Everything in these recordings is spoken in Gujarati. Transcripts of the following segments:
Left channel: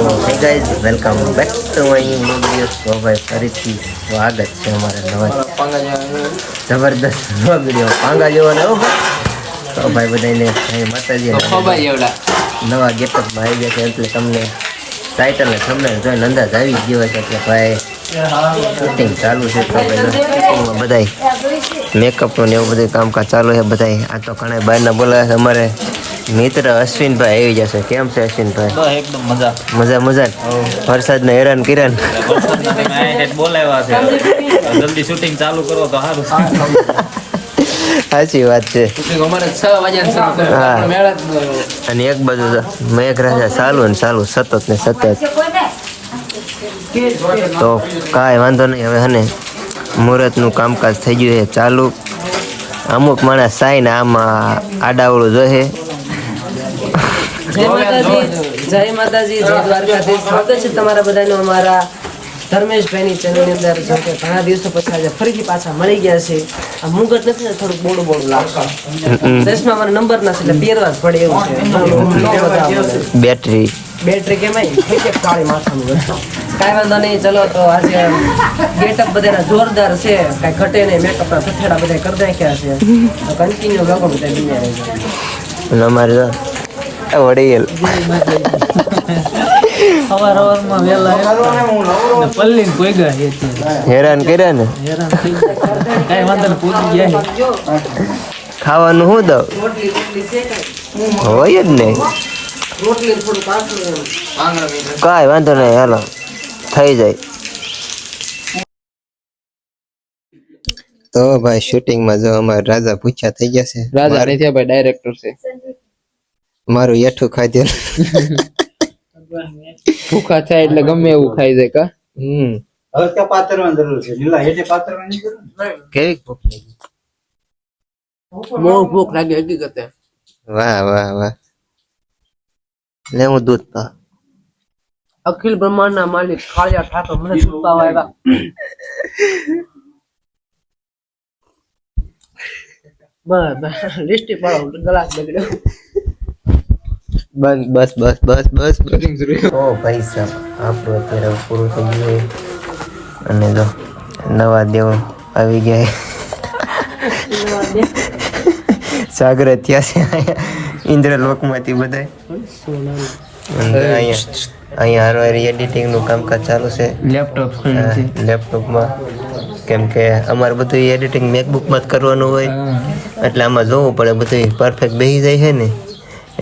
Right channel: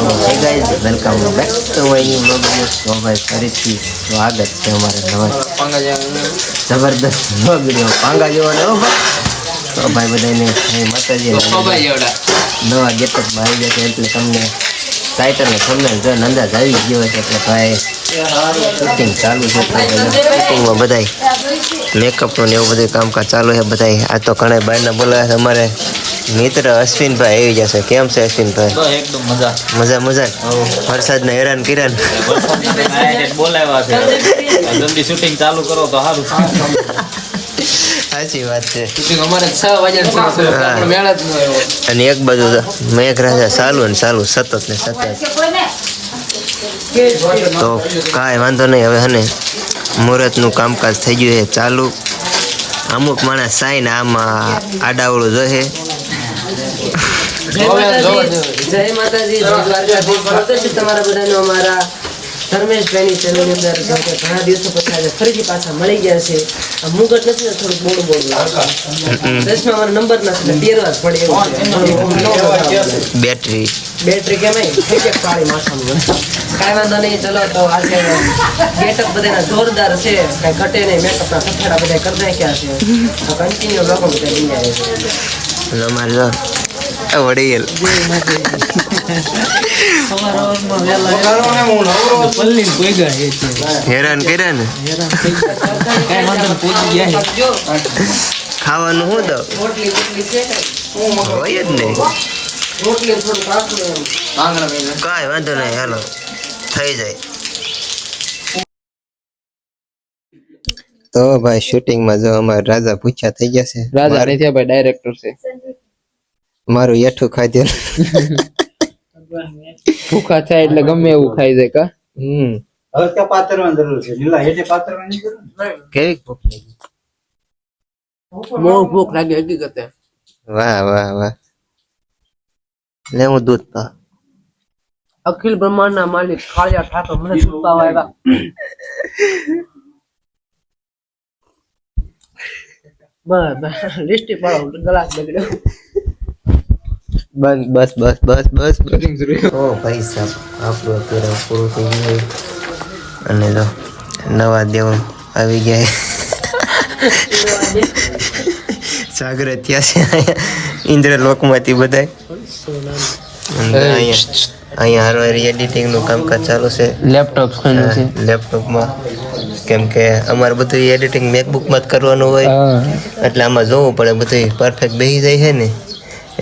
Hey guys welcome back to my new vlog તો ભાઈ ફરીથી સ્વાગત છે અમારા નવા જબરદસ્ત વ્લોગ રહ્યો પાંગા જેવો ને હો ભાઈ. તો ભાઈ બધાને જય માતાજી નવા ગેટઅપમાં આવી ગયા છે. એટલે તમને ટાઇટલ ને તમને જોઈને અંદાજ આવી ગયો છે એટલે ભાઈ શૂટિંગ ચાલુ છે તો શૂટિંગમાં બધાય મેકઅપનું ને એવું બધું કામકાજ ચાલુ છે બધાય. આ તો ઘણા બહારના બોલાવે છે અમારે. મિત્ર અશ્વિનભાઈ આવી જશે. કેમ છે અશ્વિનભાઈ? એકદમ મજા. મજા મજા? વરસાદને હેરાન time બોલાવ્યા છે. જલ્દી શૂટિંગ ચાલુ કરો તો સારું સાચી વાત છે. અને એક બાજુ મેઘરાજા ચાલુ ને ચાલુ સતત ને સતત. તો કાંઈ વાંધો નહીં. હવે હને મુહૂર્તનું કામકાજ થઈ ગયું છે. ચાલુ. અમુક માણસ સાઈન ને આમાં આડાવડું જોહે જય માતાજી જય માતાજી જય દ્વારકાધીશ. સ્વાગત છે તમારા બધાનો અમારા ધર્મેશભાઈની ચેનલની અંદર જેમ કે ઘણા દિવસો પછી આજે ફરીથી પાછા મળી ગયા છે. આ મુગટ નથી ને થોડું બોડું બોડું લાગતું દસમાં મારો નંબર નથી એટલે પહેરવા જ પડે એવું છે. બેટરી. બેટરી કેમાય થઈ જાય કાળી માથાનું કાંઈ વાંધો નહીં ચલો તો આજે ગેટઅપ બધાના જોરદાર છે. કાંઈ ઘટે નહીં મેકઅપના થથેડા બધા કરી નાખ્યા છે. તો કન્ટિન્યુ લોકો બધા બીજા છે અમારે વડીલ. હેરાન કર્યા ને? હેરાન થઈ ગયા. કઈ વાંધો ને પહોંચી ગયા છે. ખાવાનું શું દઉં હોય જ ને. કાંઈ વાંધો નહીં હાલો. થઈ જાય. તો ભાઈ શૂટિંગમાં જો અમારા રાજા પૂછ્યા થઈ ગયા છે. રાજા નથી ભાઈ ડાયરેક્ટર છે. મારું એઠું ખાઈ દે. ભૂખા થાય એટલે ગમે એવું ખાઈ જાય કા? હમ. હવે ત્યાં પાથરવાની જરૂર છે. લીલા હેઠે પાથરવાની જરૂર કેવી ભૂખ લાગી? બહુ ભૂખ લાગી હકીકતે. વાહ વાહ વાહ. લે હું દૂધ પા. અખિલ બ્રહ્માંડના માલિક કાળિયા ઠાકોર મને છુપાવા આવ્યા. બસ બસ. લિસ્ટી પાડો ગ્લાસ બગડ્યો. બસ બસ બસ બસ બસ બસ. ઓ ભાઈ સાહેબ આપણું અત્યારે પૂરું થઈ ગયું. અને જો નવા દેવ આવી ગયા. સાગર થયા છે અહીંયા. ઇન્દ્રલોકમાંથી બધા અહીંયા અહીંયા હારવાર એડિટિંગનું કામકાજ ચાલુ છે. લેપટોપ લેપટોપમાં કેમ કે અમારે બધું એડિટિંગ મેકબુકમાં જ કરવાનું હોય. એટલે આમાં જોવું પડે બધું પરફેક્ટ બેસી જાય છે ને.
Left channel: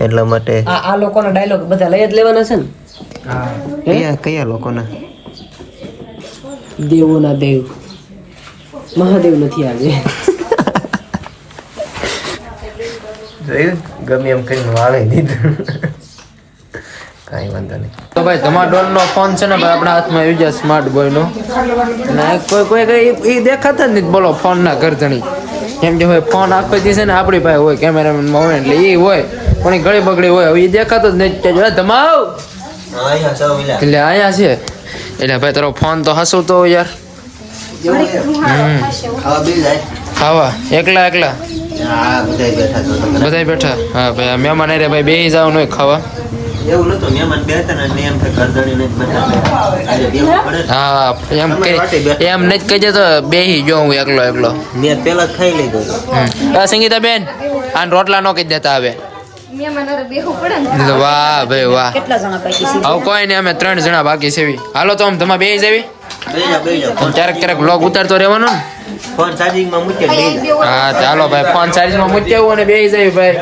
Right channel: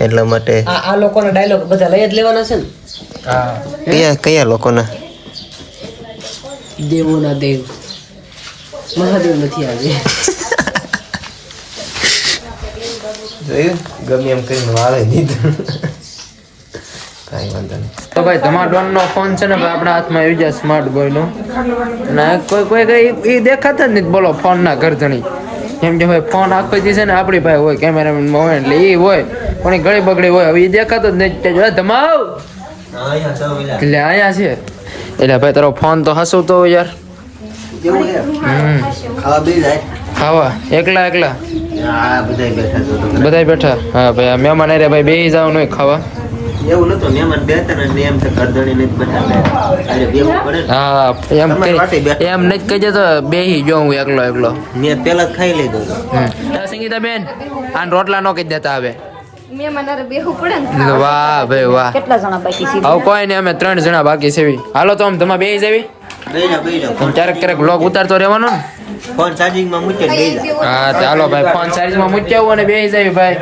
એટલા માટે આ આ લોકોના ડાયલોગ બધા લઈ જ લેવાના છે ને? કયા કયા લોકોના? દેવોના દેવ. મહાદેવ નથી આવે. જોયું? ગમે એમ કરીને વાળે દીધું કાંઈ વાંધો નહીં. તો ભાઈ ધમાડોન નો ફોન છે ને ભાઈ આપણા હાથમાં આવી જાય સ્માર્ટ બોય નો. ને કોઈ કોઈ કઈ એ દેખાતા જ નથી બોલો ફોન ના ઘરધણી કેમ કે ભાઈ ફોન આખો જે છે ને આપણી પાસે હોય કેમેરામેન હોય એટલે એ હોય. પણ ગળી બગડી હોય. હવે એ દેખાતો જ નથી. ધમાવ એટલે અહીંયા છે. એટલે ભાઈ તારો ફોન તો હસું તો યાર. ખાવા એકલા એકલા? બધા બેઠા હા ભાઈ આ મહેમાન અરે ભાઈ બે જવાનું હોય ખાવા. એવું નતું મહેમાન બેઠા ને એમ કે કરધણી નથી બેઠા આજે બેવું પડે ને. હા એમ એમ નથી કહેજે તો બેહી જો હું એકલો એકલો. ને પેલા ખાઈ લીધો સંગીતા બેન આ રોટલા નો કહી દેતા હવે વાહ ભાઈ વાહ. હવે કોઈ નહીં અમે ત્રણ જણા બાકી છે હાલો તો આમ તમે બે જવી. બે જા બે જા ક્યારેક ક્યારેક બ્લોગ ઉતારતો રહેવાનો ને. ફોન ચાર્જિંગમાં માં બે હા ચાલો ભાઈ ફોન ચાર્જમાં મૂકી આવું અને બેસી જવી ભાઈ.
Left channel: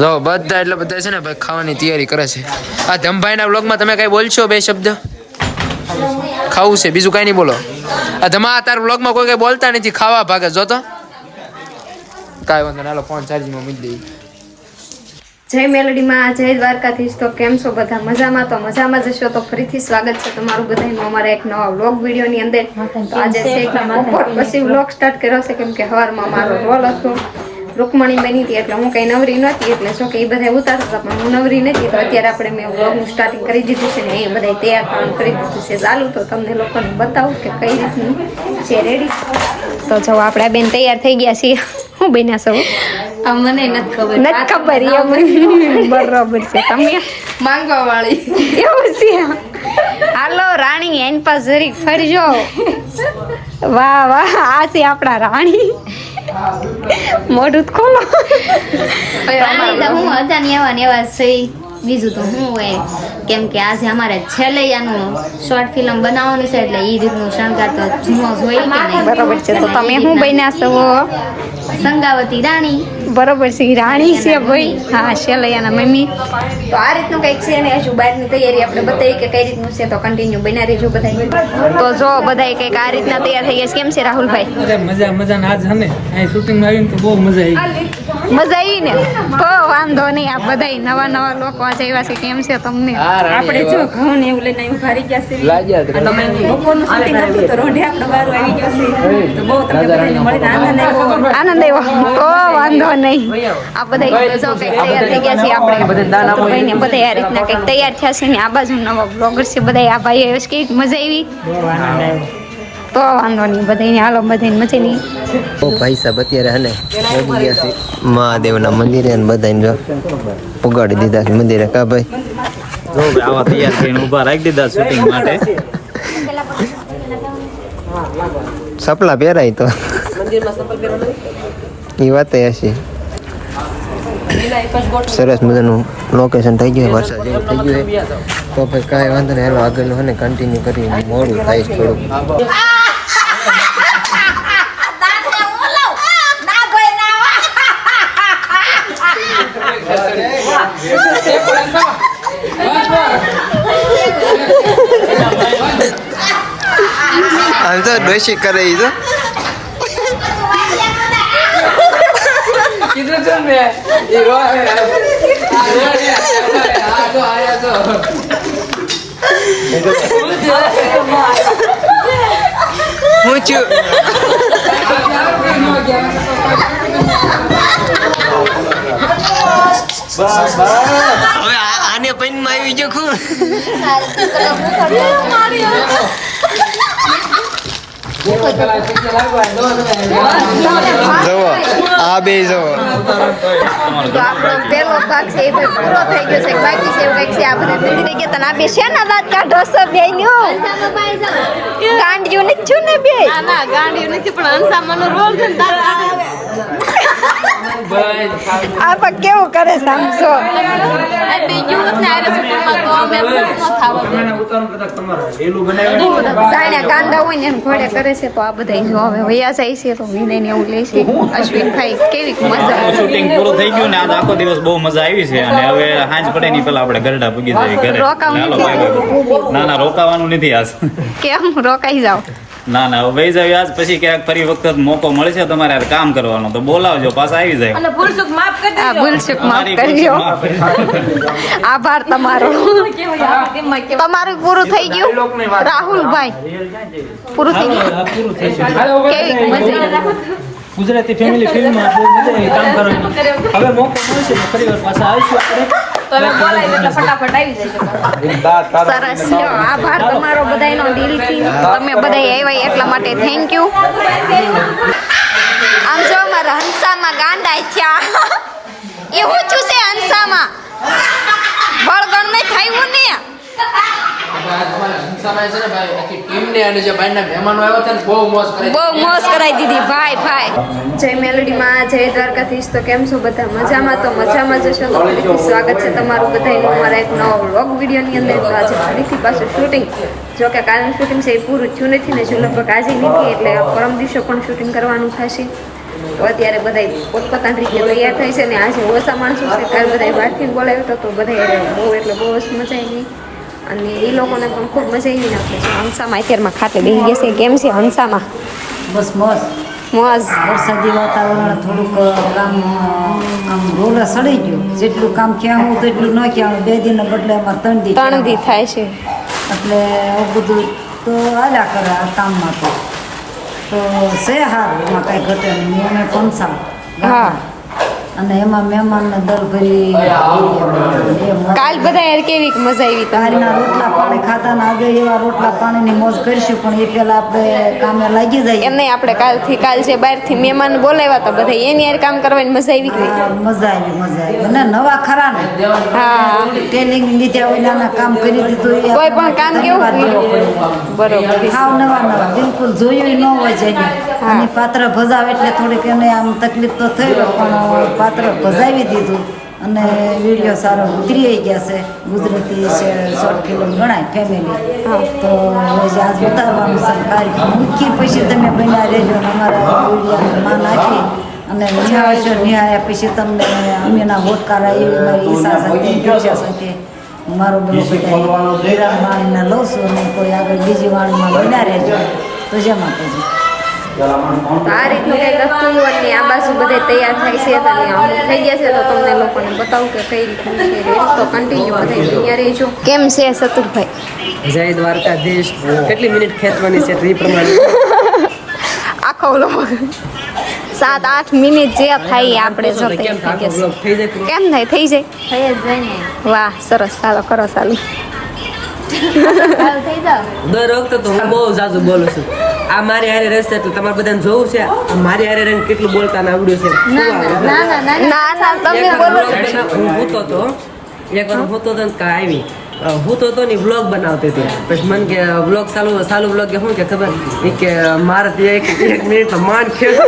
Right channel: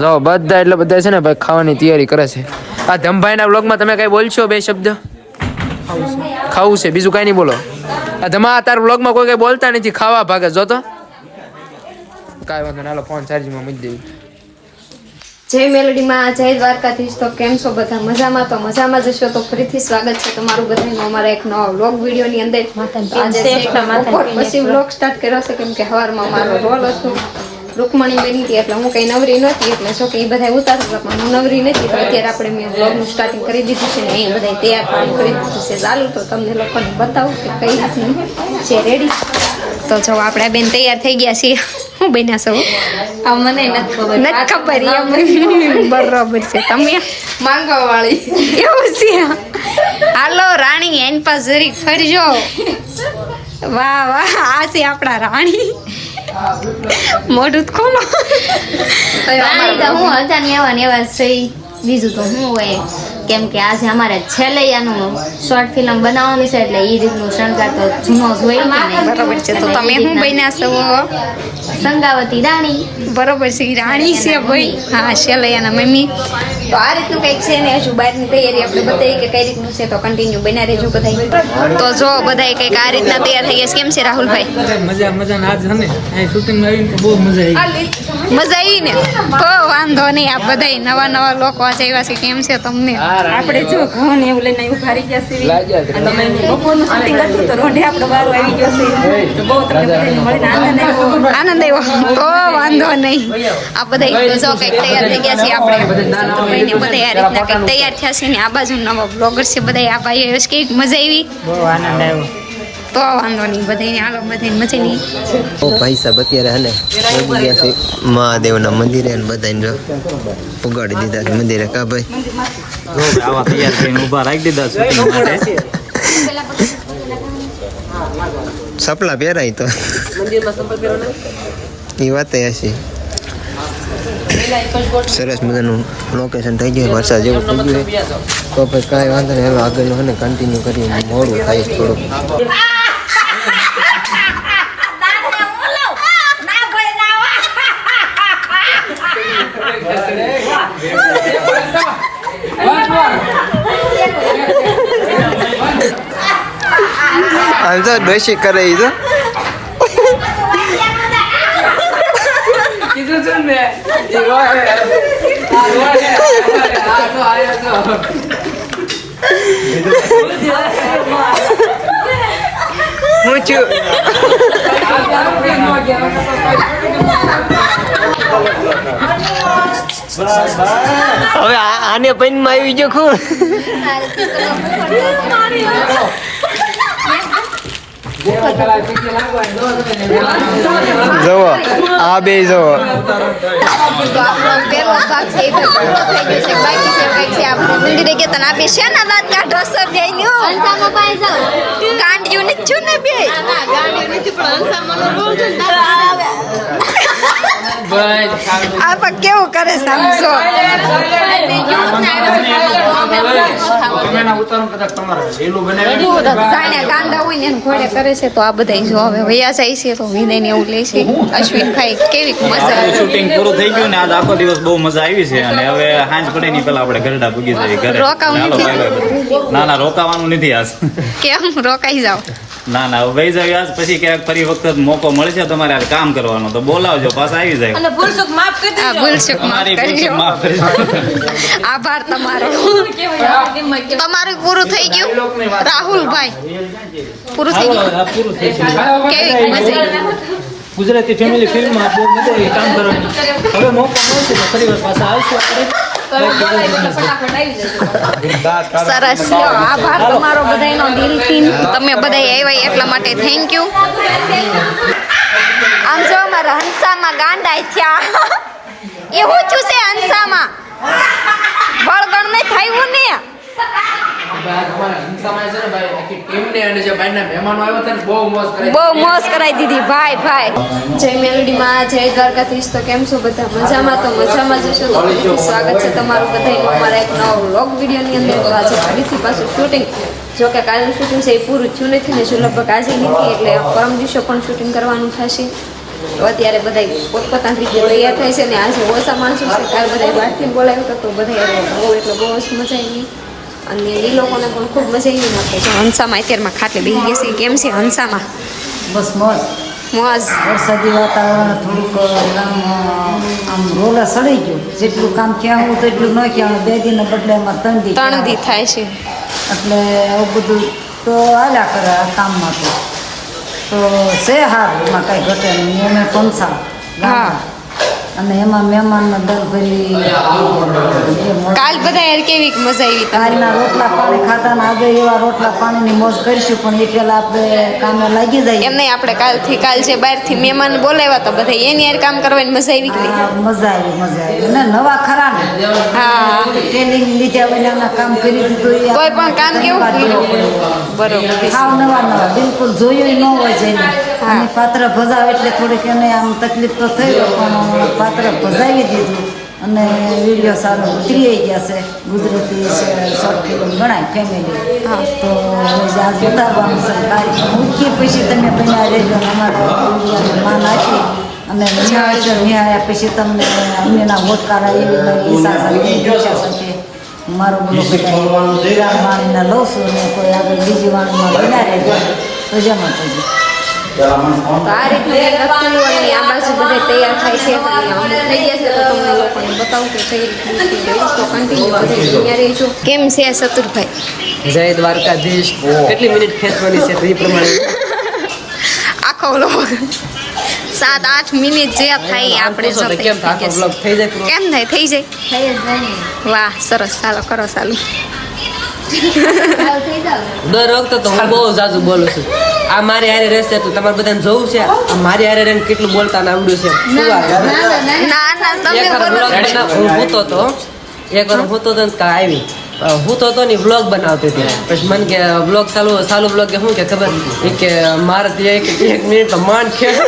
જો બધા એટલે બધા છે ને ભાઈ ખાવાની તૈયારી કરે છે. આ ધમભાઈના બ્લોગમાં તમે કઈ બોલશો બે શબ્દ? ખાવું છે બીજું કઈ નહીં બોલો. આ ધમા તાર બ્લોગમાં કોઈ કઈ બોલતા નથી ખાવા ભાગે. જો તો. કાંઈ વાંધો ના હાલો ફોન ચાર્જિંગમાં મૂકી દેવી જય મેલડીમાં જય દ્વારકાધીશ. તો કેમ છો બધા? મજામાં? તો મજામાં જશો તો ફરીથી સ્વાગત છે તમારું બધાનું અમારા એક નવા વ્લોગ વિડીયોની અંદર. તો આજે છે એક બપોર પછી વ્લોગ સ્ટાર્ટ કર્યો છે કેમ કે હવારમાં મારો રોલ હતો. રૂકમણી બની હતી એટલે હું કંઈ નવરી નહોતી એટલે જો કે એ બધા ઉતારતા હતા પણ હું નવરી નથી તો અત્યારે આપણે મેં વ્લોગનું સ્ટાર્ટિંગ કરી દીધું છે ને એ બધા તૈયાર થવાનું કરી દીધું છે. ચાલુ તો તમને લોકોને બતાવું કે કઈ રીતની છે રેડી તો જો આપણે બેન તૈયાર થઈ ગયા છીએ. હું બન્યા છો? આ મને નથી ખબર. નથી ખબર એમ. બરોબર છે તમે? માંગવા વાળી એવું છે? હાલો રાણી એન પાસ જરીક ફરજો. વાહ વાહ આ છે આપણા રાણી. મોઢું ખોલો. રાણી તો હું હતા ને એવા ને એવા છે. બીજું તો હું હોય. કેમ કે આજે અમારે છેલ્લે આનું શોર્ટ ફિલ્મ બનાવવાનું છે એટલે એ રીતનું શણગાર તો જૂનો જ હોય કે નહીં. બરાબર છે તો તમે શું બન્યા છો? સંગાવતી રાણી. બરોબર છે રાણી છે ભાઈ. હા શેલૈયાના મમ્મી. તો આ રીતનું કંઈક છે ને હજુ બહારની તૈયારી આપણે બતાવી કે કઈ રીતનું છે તો કન્ટિન્યુ બના રહેજો બધા તો જો બધા કંઈક આ રીતના તૈયાર થઈ ગયા કેમ છે રાહુલભાઈ? મજા મજા ના આજ ને. અહીં શૂટિંગમાં આવીને તો બહુ મજા આવી મજા આવી ને? તો વાંધો નહીં આ બધા નવા નવા લોકો આજે આવ્યા છે કેમ છે તમને? આપણે જો ઘઉં ને એવું લઈને અહીં ઊભા રહી ગયા છે અને બપોરનું શૂટિંગ હતું તો રોઢે આપણો વારો આવી ગયો છે. તો બહુ તમને બધાને મળીને આનંદ આવ્યો. આનંદ આવ્યો. તો વાંધો નહીં. આ બધા જો કંઈક તૈયાર થઈ ગયા છે આપણે. ભાઈને ને બધા આ રીતના કંઈક તૈયાર થયા છે ને આ બાજુ નવા બ્લોગર છે બધા આ ભાઈ આવ્યો છે કે મજા આવી. બહુ આનંદ આવ્યો. તો વાંધો નહીં બધાને હાલો બધાને મજા નહીં ઓ ભાઈ સાહેબ અત્યારે હને પહોંચી ગયા છે. મહાદેવના મંદિરે અને બધાને જો પગાડી દીધા છે મંદિરે. કા ભાઈ? જો આવા તૈયાર થઈને ઊભા રાખી દીધા શૂટિંગ માટે. સપલા પહેરાય તો. એ વાત હશે. સરસ મજાનું લોકેશન થઈ ગયું વરસાદ જેવું થઈ ગયું. તો પછી કાંઈ વાંધો નહીં હેલો આગળનું હોય ને કન્ટિન્યુ કરી મોડું થાય થોડુંક. હાલ તો દોષી કરે તો. હું છું. હવે આને આને પૈનમાં આવી ગયો ખું જુઓ આ બે જુઓ. તો આપણો પહેલો ભાગ છે એ ભાઈ પૂરો થઈ ગયો છે. બાકી છે એવું કંઈક છે આ બધા મંદિરે ગયા તને આ બે. શેના દાંત કાઢો છો બે. ગાંડિયું નથી છું ને બે આ પણ કેવું કરે સમજો જાણે ગાંડા હોય ને એને ઘોડે કરે છે તો આ બધા જો હવે વયા જાય છે તો વિનય ને એવું લે છે. અશ્વિનભાઈ કેવી મજા આવી? શૂટિંગ પૂરું થઈ ગયું ને આજ આખો દિવસ બહુ મજા આવી છે. અને હવે હાંજ પડે ની પેલા આપણે ગરડા ભૂગી જઈએ ઘરે. રોકાવું. ના ના રોકાવાનું નથી આજ. કેમ? રોકાઈ જાઓ. ના ના વહી જાવ આજ પછી ક્યાંક ફરી વખત મોકો મળશે તમારે આ કામ કરવાનો. તો બોલાવજો પાછા આવી જાય અને ભૂલચૂક માફ કરી દેજો. ભૂલચૂક માફ કરજો. ભૂલ માફ કરજો. આભાર તમારો. તમારું પૂરું થઈ ગયું? રાહુલભાઈ પૂરું થઈ ગયું? પૂરું થઈ ગયું. કેવી મજા ગુજરાતી ફેમિલી ફિલ્મમાં બહુ મજા આવી કામ કરવાની. હવે મોકો મળશે તો ફરી વાર પાછા આવીશું આપણે. સરસ. લ્યો, આભાર તમારો બધાયનો દિલથી. તમે બધા આવ્યા એટલા માટે થેન્ક યુ આમ જો અમારા હંસામાં ગાંડા થયા. એવું શું છે હંસામાં બળગણ ને થયું ને. બહુ મોજ કરાવી દીધી. ભાઈ ભાઈ. જય મેલોડીમાં જય દ્વારકાધીશ. તો કેમ છો બધા? મજામાં? તો મજામાં જશો તો ફરીથી સ્વાગત છે તમારું બધાનું અમારા એક નવો વ્લોગ વિડીયોની અંદર. તો આજે ફરીથી પાછું શૂટિંગ જો કે કાલનું શૂટિંગ છે એ પૂરું થયું નથી ને જો લગભગ આજે નથી એટલે પરમ દિવસો પણ શૂટિંગ કરવાનું થશે. તો અત્યારે બધા પોતપોતાની રીતે તૈયાર થાય છે ને આજે ઓછા માણસો છે. કાલ બધા બહારથી બોલાવ્યો હતો તો બધા બહુ એટલે બહુ જ મજા આવી. અને એ લોકોને પણ ખૂબ મજા આવી નાખે છે. હંસામાં અત્યારમાં ખાટલે બેસી ગયા છે. કેમ છે હંસામાં? બસ મોજ. મોજ. વરસાદી વાતાવરણ થોડુંક આમ આમ રોલે સડી ગયો. જેટલું કામ ક્યાં હું તો એટલું ન ક્યાં બે દિન બદલે અમારે ત્રણ દી ત્રણ દી થાય છે. એટલે આવું બધું તો આલ્યા કરે આ કામમાં તો. તો છે હાર એમાં કાંઈ ઘટે અમે પંસા હા. અને એમાં મહેમાનનો દર ભરી કાલ બધા યાર કેવી મજા આવી તારીના રોટલા પાણી ખાતા ને આજે એવા રોટલા પાણીની મોજ કરીશું પણ એ પેલા આપણે કામે લાગી એમ જાય નહીં આપણે કાલથી કાલ જે બહારથી મહેમાન બોલાવ્યા હતા બધા એની યાર કામ કરવાની મજા આવી કે નહીં મજા આવી મજા આવી. અને નવા ખરા ને. હા. ટ્રેનિંગ લીધા હોય ને કામ કરી દીધું કોઈ પણ કામ કેવું બરોબર. હાવ નવા નવા બિલકુલ જોયું ન હોય જઈને અને પાત્ર ભજાવે એટલે થોડીક એને આમ તકલીફ તો થઈ પણ પાત્ર ભજાવી દીધું અને વીડિયો સારો ઉતરી ગયા છે. ગુજરાતી છે શોર્ટ ફિલ્મ ગણાય ફેમિલી તો આજ ઉતારવાનું છે તારીખ મૂકી પછી તમે બન્યા રહેજો અને અમારા વિડીયાને માન આપી અને નિહાળ્યા પછી તમને અમેના વોટકારા એવી મારી ઈશા સાથે દીક્ષા સાથે મારો બોલો બધા વિરામ વાણીના લઉં છું અને કોઈ આગળ બીજી વાણીમાં બન્યા રહેજો. તો જય માતાજી. તો આ રીતનું કંઈક હતું અને આ બાજુ બધે તૈયાર થાય છે તો અમુક થઈ ગયા છે તો તમને લોકોને બતાવું કે કઈ રીતનું છે તો કન્ટિન્યુ બધા અહીંયા રહેજો. કેમ છે સતુરભાઈ જય દ્વારકાધીશ. કેટલી મિનિટ ખેંચવાની છે એ પ્રમાણે. આખો વ્લોગ સાત આઠ મિનિટ જે થાય આપણે જો તૈયાર થઈ થઈ જાય કેમ થાય? થઈ જાય? વાહ સરસ. ચાલો કરો ચાલુ. દર વખતે તો હું બહુ ઝાઝું બોલું છું. આ મારી હારે રહેશે એટલે તમારે બધાને જોવું છે. આ મારી હારે રહીને કેટલું બોલતા ને આવડ્યું છે હું ભૂતો તો એકવાર ભૂતો તો ને આવી. હું તો ની વ્લોગ બનાવતી હતી. પછી મને કે વ્લોગ ચાલુ ચાલુ વ્લોગ કે શું કે ખબર? એ કે મારે ત્યાં એક એક મિનિટ માન માંડ ખેડ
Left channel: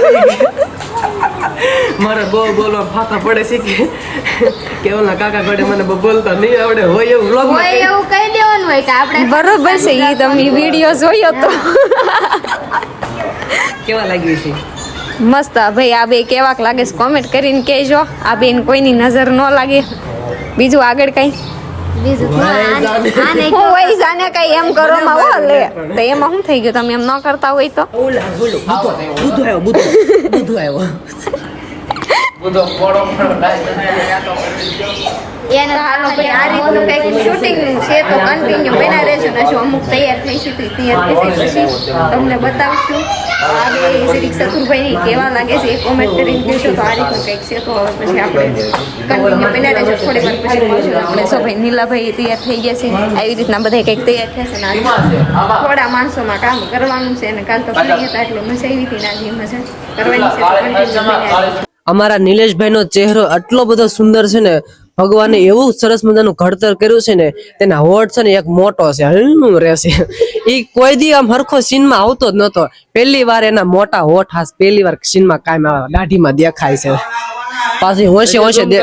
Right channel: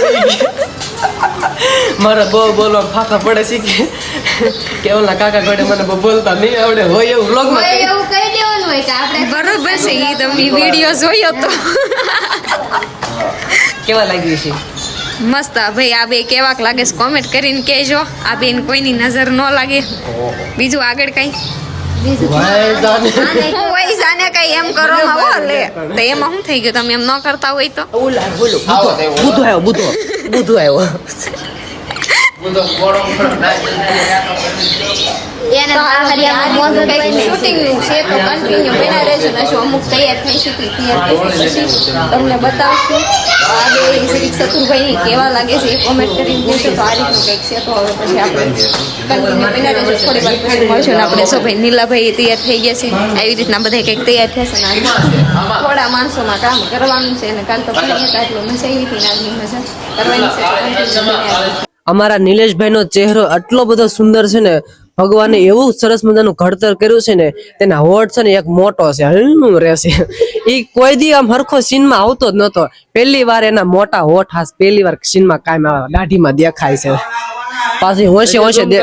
મારે બહુ બોલવા ફાફા પડે છે કે કે ઓલા કાકા ગોડે મને બોલતા નહીં આવડે હોય એવું વ્લોગ હોય એવું કહી દેવાનું હોય કે આપણે બરોબર છે એ તમને વીડિયો જોયો તો. કેવા લાગ્યું છે? મસ્ત ભાઈ આ બે કેવાક લાગે છે કોમેન્ટ કરીને કહેજો. આ બેન કોઈની નજર ન લાગે. બીજું આગળ કઈ? હું વહી જાને. કઈ એમ કરો માં હો લે તો એમાં શું થઈ ગયું? તમે એમ ન કરતા હોય તો? ઓલા બોલો બુધો બુધો આવ્યો બુધો. બુધો આવ્યો. શૂટિંગનું છે તો કન્ટિન્યુ બના રહેજો ને જો અમુક તૈયાર થઈશું તો તૈયાર થશે પછી તમને બતાવશું. આ બે સતુરભાઈ કેવા લાગે છે એ કોમેન્ટ કરીને દેશો તો આ રીતનું કંઈક છે તો હવે પછી આપણે કન્ટિન્યુ બના રહેજો. થોડી વાર પછી મળશું ને આપણે સો ભાઈ નીલાભાઈ તૈયાર થઈ ગયા છે. આવી રીતના બધા કંઈક તૈયાર થશે ને આજે. થોડા માણસોમાં કામ કરવાનું છે અને કાલ તો ભણી હતા એટલે મજા આવી હતી ને મજા. કરવાની છે તો કન્ટિન્યુ બના અમારા નિલેશભાઈનો ચહેરો આટલો બધો સુંદર છે ને ભગવાને એવું સરસ મજાનું ઘડતર કર્યું છે ને તેના હોઠ છે ને એક મોટો છે હલનું રહેશે. એ કોઈ દી આમ હરખો સીનમાં આવતો જ નતો. પહેલી વાર એના મોટા હોઠ હાસ પહેલી વાર સીનમાં કાયમ આવે દાઢીમાં દેખાય છે. પાછી હોશે હોશે દે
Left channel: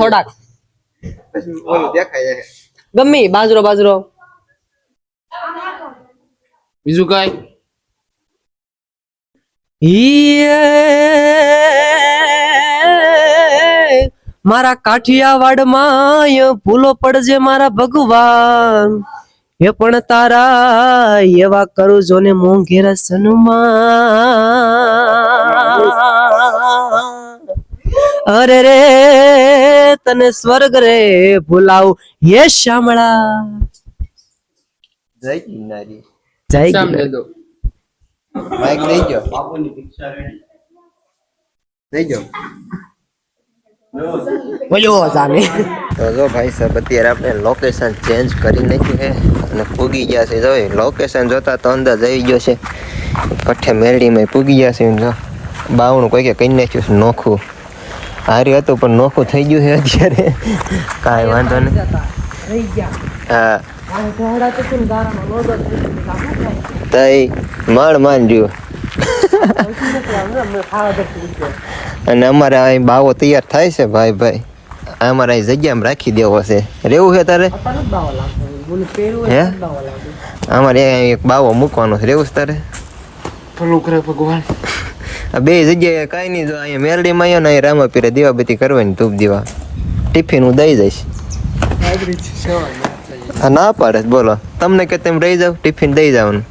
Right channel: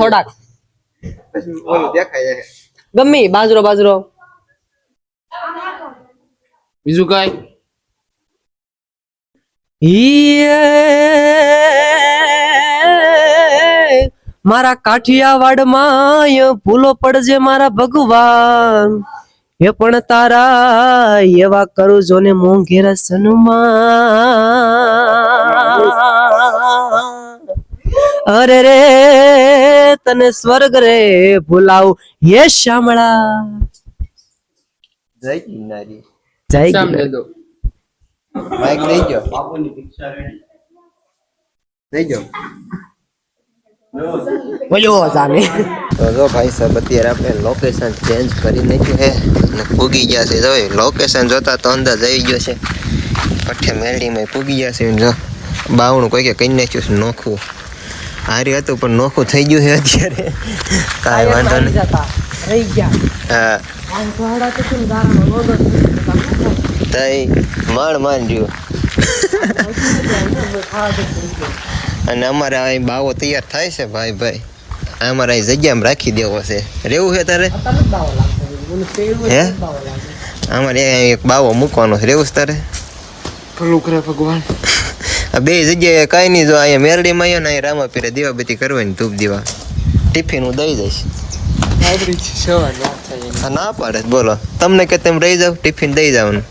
થોડાક. ગમે બાજરો બાજરો. બીજું કઈ? ઈ મારા કાઠિયાવાડમાં ભૂલો પડજે મારા ભગવાન. એ પણ તારા એવા કરું જો ને મોંઘેરા સનુમા અરે રે તને સ્વર્ગ રે ભૂલાવું. હે શામળા. જય જય શામ ગિરનાર. દે દો. બાઈક લઈ ગયો. બાપુની ભિક્ષા રેડી. લઈ ગયો. ભાઈ સાહેબ, અત્યારે આપણે લોકેશન ચેન્જ કરી નાખ્યું છે અને પૂગી ગયા છે. લોકેશન જોતા તો અંદાજ આવી ગયો છે. પઠ્ઠે મેરડીમાં પૂગી ગયા છે. જો બાવણું કોઈ કઈ કહી નાખ્યું નોખું. હારી હતું, પણ નોખું થઈ ગયું છે અત્યારે. કાંઈ વાંધો નહીં. હા. તઈ માણ માન અને અમારે અહીં બાવો તૈયાર થાય છે ભાઈ ભાઈ. અમારે અહીં જગ્યામાં રાખી દેવો છે. રેવું છે તારે? હે? અમારે એક બાવો મૂકવાનો છે. રેવું છે તારે? ભલું કરે ભગવાન. આ બે જગ્યાએ કાંઈ નહીં જો અહીંયા મેરડીમાં આવ્યો ને અહીં રામાપીરે દીવાબત્તી કરવાની ધૂપ દીવા. ટિફિન હું દઈ જઈશ ના પાડે બોલો. તમને કે તેમ રહી જાવ ટિફિન દઈ જવાનું.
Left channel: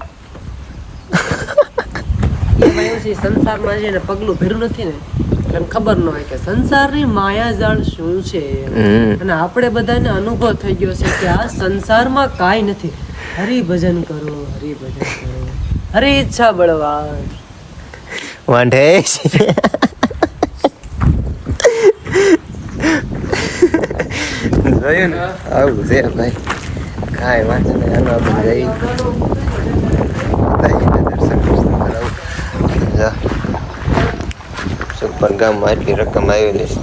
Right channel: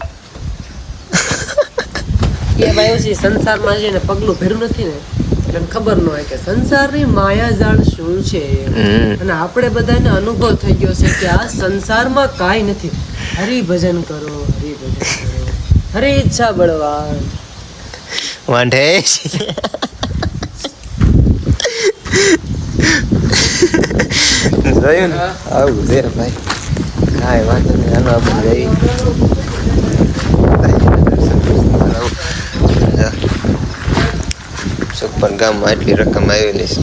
સંસારમાં છે ને પગલું ભેરું નથી ને. એટલે ખબર ન હોય કે સંસારની માયાજાળ શું છે? અને આપણે બધાને અનુભવ થઈ ગયો છે કે આ સંસારમાં કાંઈ નથી. હરિભજન કરો હરિભજન કરો. હરે ઈચ્છા બળવા વાંઢે? જોયું ને? આવું દે ભાઈ. કાંઈ વાંધો નહીં હાલો આપણે જઈએ. દર્શન સુપર ગામમાં એટલી રકમ આવેલી છે.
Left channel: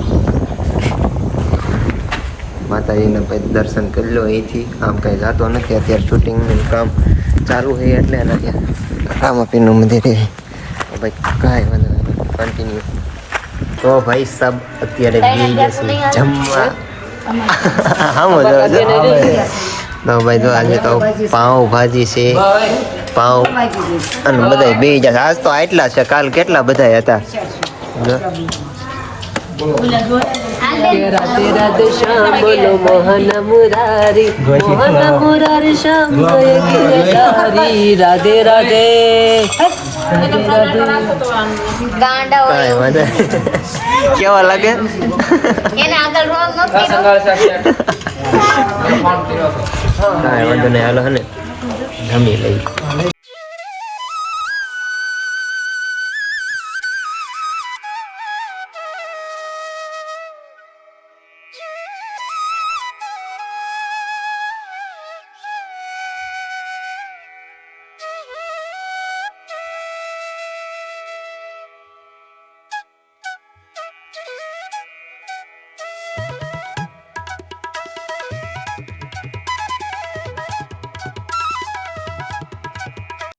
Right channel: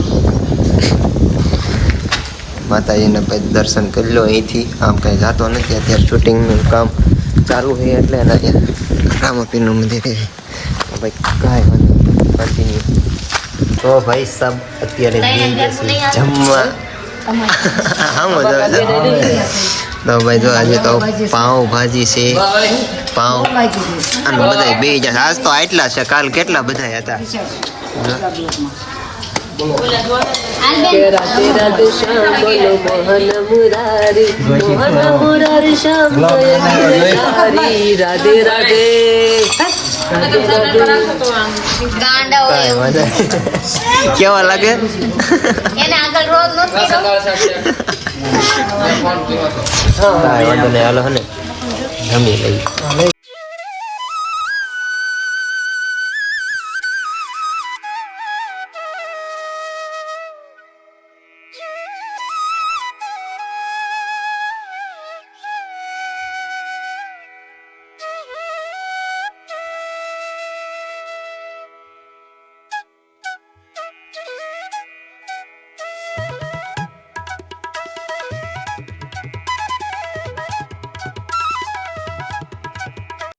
માતાજીના ભાઈ દર્શન કરી લો અહીંથી. આમ કંઈ જાતો નથી. અત્યારે શૂટિંગનું કામ ચાલુ છે એટલે એને ત્યાં રામાપીરનું મંદિર ભાઈ કાંઈ વાંધો કન્ટિન્યુ તો ભાઈ સાહેબ અત્યારે બે જશે. જમવા. આમ જ આવે તો ભાઈ જો આજે તો પાઉં ભાજી છે. પાઉં અને બધા બે જશે. આજ તો આટલા છે. કાલ કેટલા બધા હતા? રાધે રાધે શ્યામ બોલો મોહન મુરારી મોહન મુરારી શ્યામ ગિરધારી રાધે રાધે. કેવા લાગે? એને આગળ રોજ નથી કાંઈ વાંધો નહીં હાલો હે ને જમી લઈ